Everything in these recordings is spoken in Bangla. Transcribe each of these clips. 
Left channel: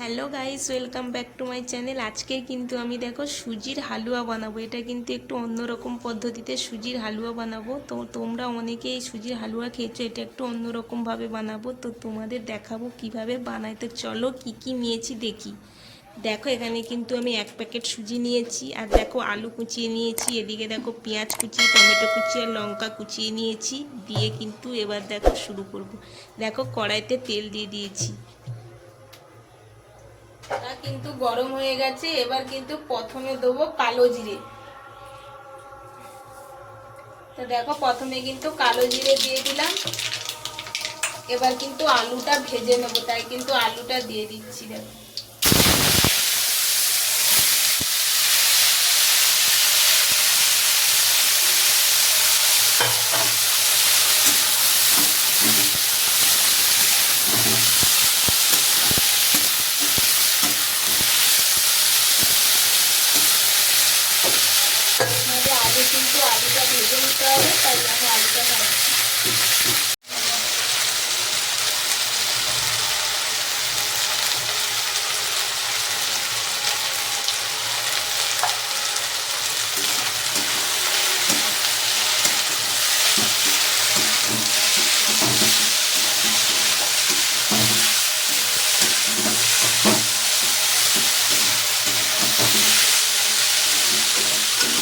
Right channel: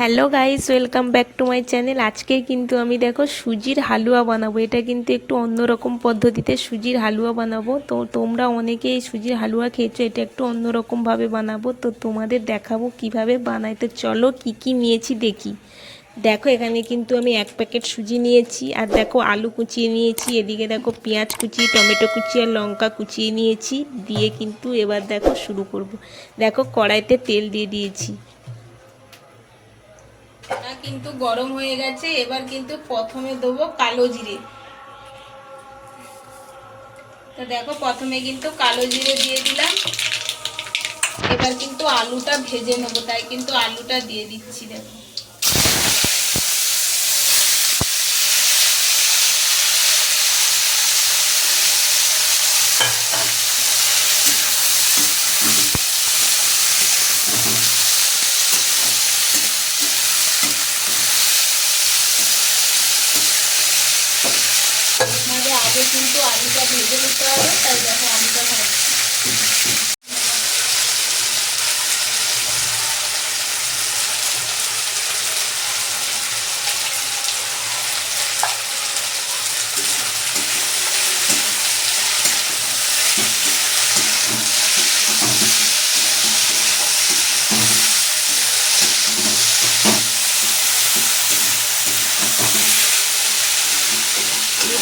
Hello guys, welcome back to my channel. আজকে কিন্তু আমি দেখো সুজির হালুয়া বানাবো। এটা কিন্তু একটু অন্যরকম পদ্ধতিতে সুজির হালুয়া বানাবো। তো তোমরা অনেকেই এই সুজির হালুয়া খেয়েছো, এটা একটু অন্যরকমভাবে বানাবো। তো তোমাদের দেখাবো কিভাবে বানাই। তো চলো কি কি নিয়েছি দেখি। দেখো এখানে কিন্তু আমি 1 প্যাকেট সুজি নিয়েছি, আর দেখো আলু কুচিয়ে নিয়েছি, এদিকে দেখো পেঁয়াজ কুচি, টমেটো কুচি আর লঙ্কা কুচিয়ে নিয়েছি। দিয়ে কিন্তু এবার দেখো শুরু করব। দেখো কড়াইতে তেল দিয়ে দিয়েছি, কিন্তু গরম হয়ে গেছে। এবার কিন্তু প্রথমে দেবো কালো জিরে। তো দেখো প্রথমে কিন্তু কালো জিরে দিয়ে দিলাম। এবার কিন্তু আলুটা ভেজে নেবো, তাই কিন্তু আলুটা দিয়ে দিচ্ছি। দেখো আমাদের আগে কিন্তু আলুটা ভেজে নিতে হবে, তাই দেখো আলুটা ভাজছি।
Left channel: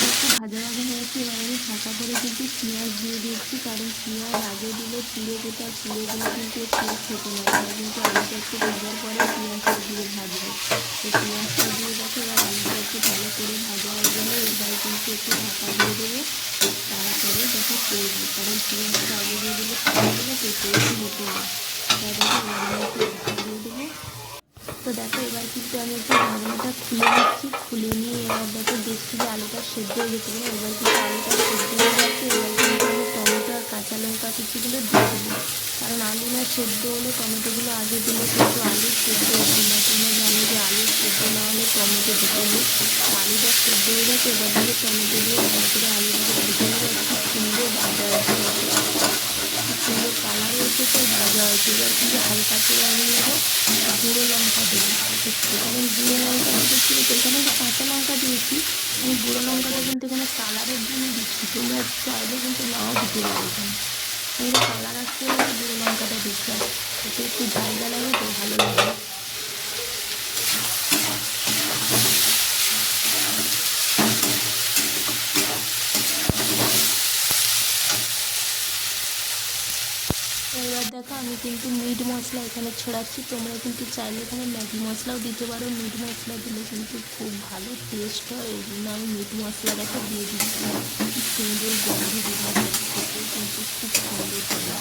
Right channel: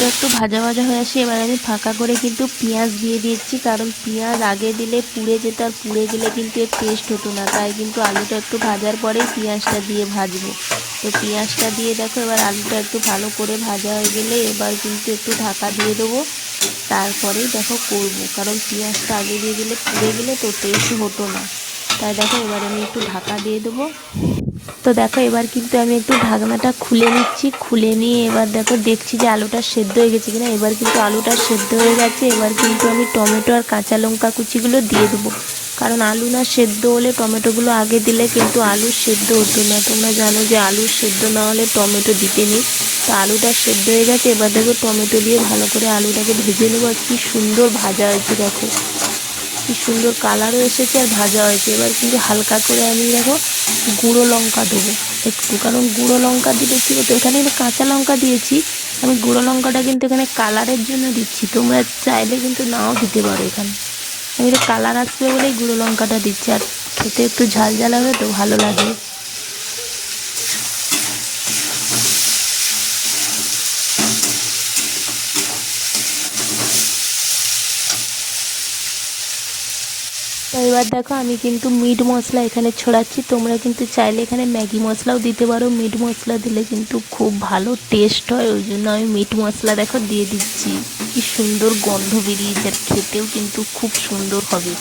একটু ভাজা ভাজা হয়ে আসে, এবার আমি ফাঁকা করে কিন্তু পেঁয়াজ দিয়ে দিচ্ছি, কারণ পেঁয়াজ আগে দিলে পুড়ে যেত, আর পুড়ে গেলে কিন্তু এর টেস্ট হতো না। তাই কিন্তু আলুটা একটু ভাজার পরেই পেঁয়াজটা দিয়ে ভাজবো। তো পেঁয়াজটা দিয়ে দেখো এবার আলুটা একটু ভালো করে ভাজা হয়ে গেলে এবার কিন্তু একটু ঢাকা দিয়ে দেবো। তারপরেই দেখো করবো, কারণ পেঁয়াজটা আগে দিয়ে দিলে পুড়ে গেলে তো টেস্ট হতো না। তাই দেখো এবার আমি একটু ঢাকা দিয়ে দেবো। তো দেখো এবার কিন্তু আমি একটু ঢাকনাটা খুলে নিচ্ছি। খুলে নিয়ে এবার দেখো দেখছি যে আলুটা সেদ্ধ হয়ে গেছে কিনা। এবার কিন্তু আলুটা সেদ্ধ হয়ে গেছে। এবার কিন্তু আমি টমেটো আর কাঁচা লঙ্কা কুচিগুলো দিয়ে দেবো, কারণ আলু না সেদ্ধ হলে টমেটোগুলো আগে দিলে কিন্তু আলু সেদ্ধ হতো না। তোমরা জানো যে আলু সেদ্ধ না হলে টমেটো দিতে নেই। তো আলুটা সেদ্ধ হয়ে গেছে। এবার দেখো টমেটো দিয়ে ভালো করে আলুটাকে ভেজে নেবো। আর কি সুন্দর ভাজা হয়েছে, দেখো কি সুন্দর কালারও এসেছে আর ভাজা হয়েছে। এবার কিন্তু হালকা করে আমি দেখো গুঁড়ো লঙ্কা দেবো একটু, কারণ গুঁড়ো লঙ্কা দিলে কি হতো, এখানে কিন্তু কাঁচা লঙ্কা দিয়েছি, আমি গুঁড়ো লঙ্কাটা কিন্তু এখানে কালারের জন্য দিচ্ছি। তোমরা চাইলে কিন্তু নাও দিতে পারো। এখানে আমি তো কালার আসবে বলেই গুঁড়ো লঙ্কাটা দিচ্ছি, আর খেতে একটু ঝাল ঝাল হবে তো ভালো লাগে। তো এবার দেখো আমি কিন্তু মিট মশলা এখানে ছড়াচ্ছি। তোমরা কিন্তু চাইলে এখানে ম্যাগি মশলাও দিতে পারো। মিট মশলা দিলে কিন্তু খুব ভালো টেস্ট হয়, ওই জন্য আমি মিট মশলা দেখো দিয়ে দিচ্ছি। কি সুন্দর গন্ধ বেরিয়েছে, আর খেতেও কিন্তু খুব সুন্দর হবে।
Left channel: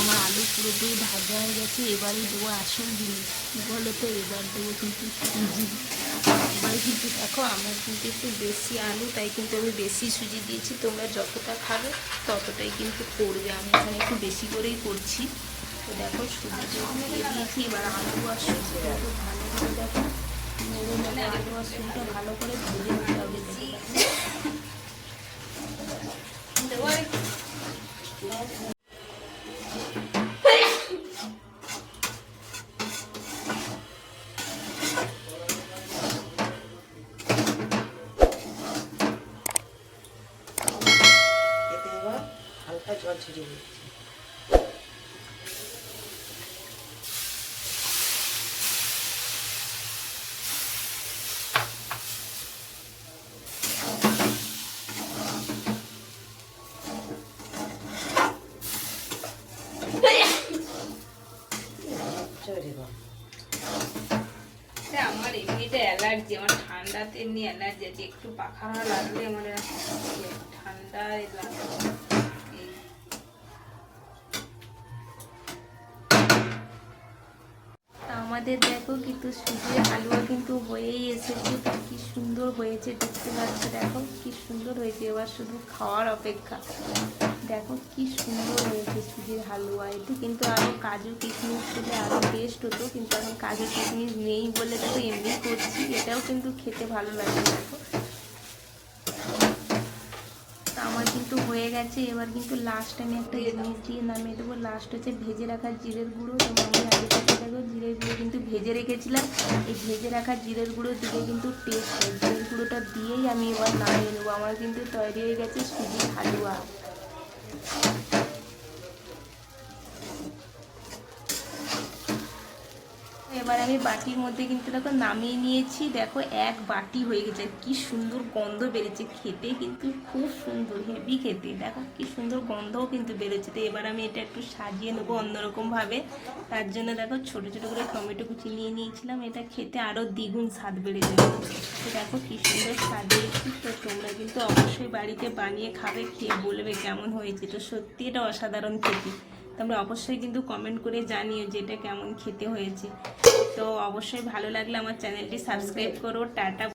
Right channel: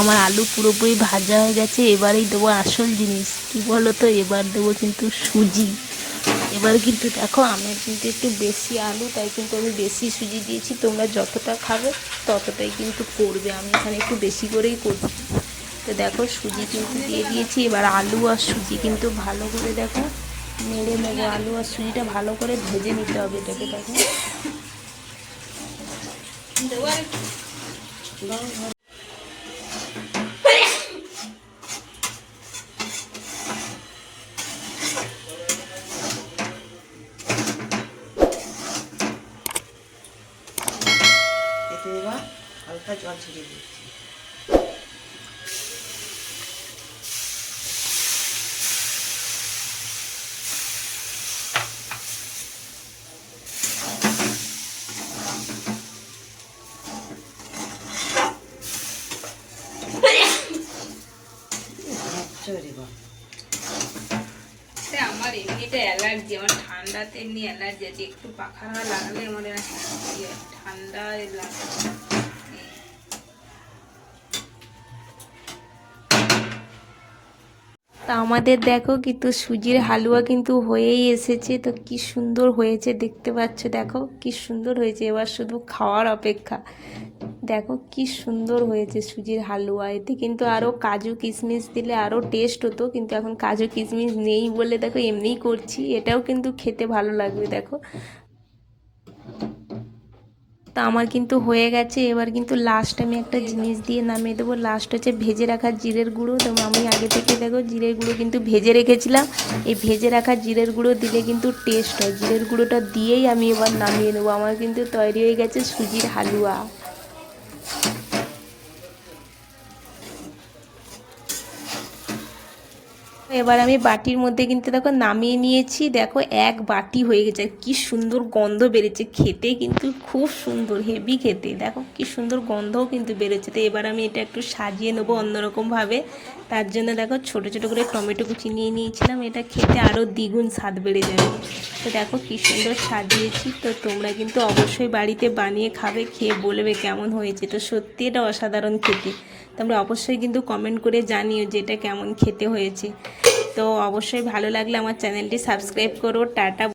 আমার আলু পুরোপুরি ভাজা হয়ে গেছে। এবারেই দেবো আসল জিনিস, কী বলো তো, এবার দেবো কিন্তু সুজি। এবার কিন্তু দেখো আমি কিন্তু একটু বেশি আলু, তাই কিন্তু আমি বেশি সুজি দিয়েছি। তোমরা যতটা খাবে ততটাই কিন্তু করবে, আমি এখানে একটু বেশি করেই করছি। তো দেখো সুজি কিন্তু দিয়ে দিয়েছি। এবার আলু আর সুজি কিন্তু ভালো করে দেখো নেড়ে নেড়ে আলু আর সুজিটা ভালো করে ভেজে নিতে হবে। এটাকে দেখো হালকা জল ছিটিয়ে দিচ্ছি। আমার এমনিটা অ্যালার্জি, আমার ঠান্ডাতে এমনি অ্যালার্জি আছে। একটু পাখা না লাগালে আমার ঠান্ডা লাগে। তা আমাদের দেখো কিন্তু সুজির হালুয়া কিন্তু হয়েই এসেছে। তো কি সুন্দর হয়েছে দেখতে পাচ্ছ, দেখো কি সুন্দর হয়েছে। এবার শুধু খাওয়ার অপেক্ষা। দেখো কি সুন্দর হয়েছে সুজির হালুয়া। এতে কিন্তু আরও কাজু কিশমিশ দিলে আরও টেস্ট হতো, কিন্তু এখন কাজু কিশমিশ নেই বলে দেখো এমনিই করছি। এটাও কিন্তু খেতে ভালো লাগে দেখো। তো আমার কিন্তু হয়ে গেছে। এবার কিন্তু লাস্ট আমি একটা জিনিস দিয়ে নামিয়ে দেবো। লাস্ট হচ্ছে ভেজে রাখা জিরের গুঁড়ো। তো আমি আগে থেকে দেখো জিরের গুঁড়ো কিন্তু ভেজে রেখেছিলাম। এই ভেজে রাখা জিরের গুঁড়ো দিলে কিন্তু টেস্ট হয়। জিরের গুঁড়োটা দিয়েই আমি এবার নামিয়ে নেবো। আমার কিন্তু তৈরি হয়ে গেছে সুজির হালুয়া। এবার আমি বাটির মধ্যে কিন্তু দেখো নামিয়ে নিয়েছি। দেখো এক বাটি হয়ে গেছে। কি সুন্দর গন্ধ বেরোচ্ছে, খেতে কিন্তু খুব সুন্দর, হেভি খেতে। দেখো কি সুন্দর গন্ধও কিন্তু বেরোচ্ছে। তো এবার আমি এটা একটু সাজিয়ে নেবো অন্যরকমভাবে। তার জন্য দেখো ছোটো ছোটো করে টমেটো কুচি নিয়ে নিয়েছিলাম। এটা খেতে আরও দ্বিগুণ স্বাদ বেড়ে যাবে। তো দেখো কি সুন্দর সাজিয়েছি। তো তোমরা কিন্তু অবশ্যই বাড়িতে বানিয়ে খাবে, খেয়ে বলবে কেমন হয়েছে। তো সত্যি এটা অসাধারণ খেতে। তোমরা অবশ্যই কিন্তু কমেন্ট করে জানিও যে এটা কেমন খেতে হয়েছে। তো অবশ্যই ভালো লাগলে আমার চ্যানেলটি সাবস্ক্রাইব করো। টাটা।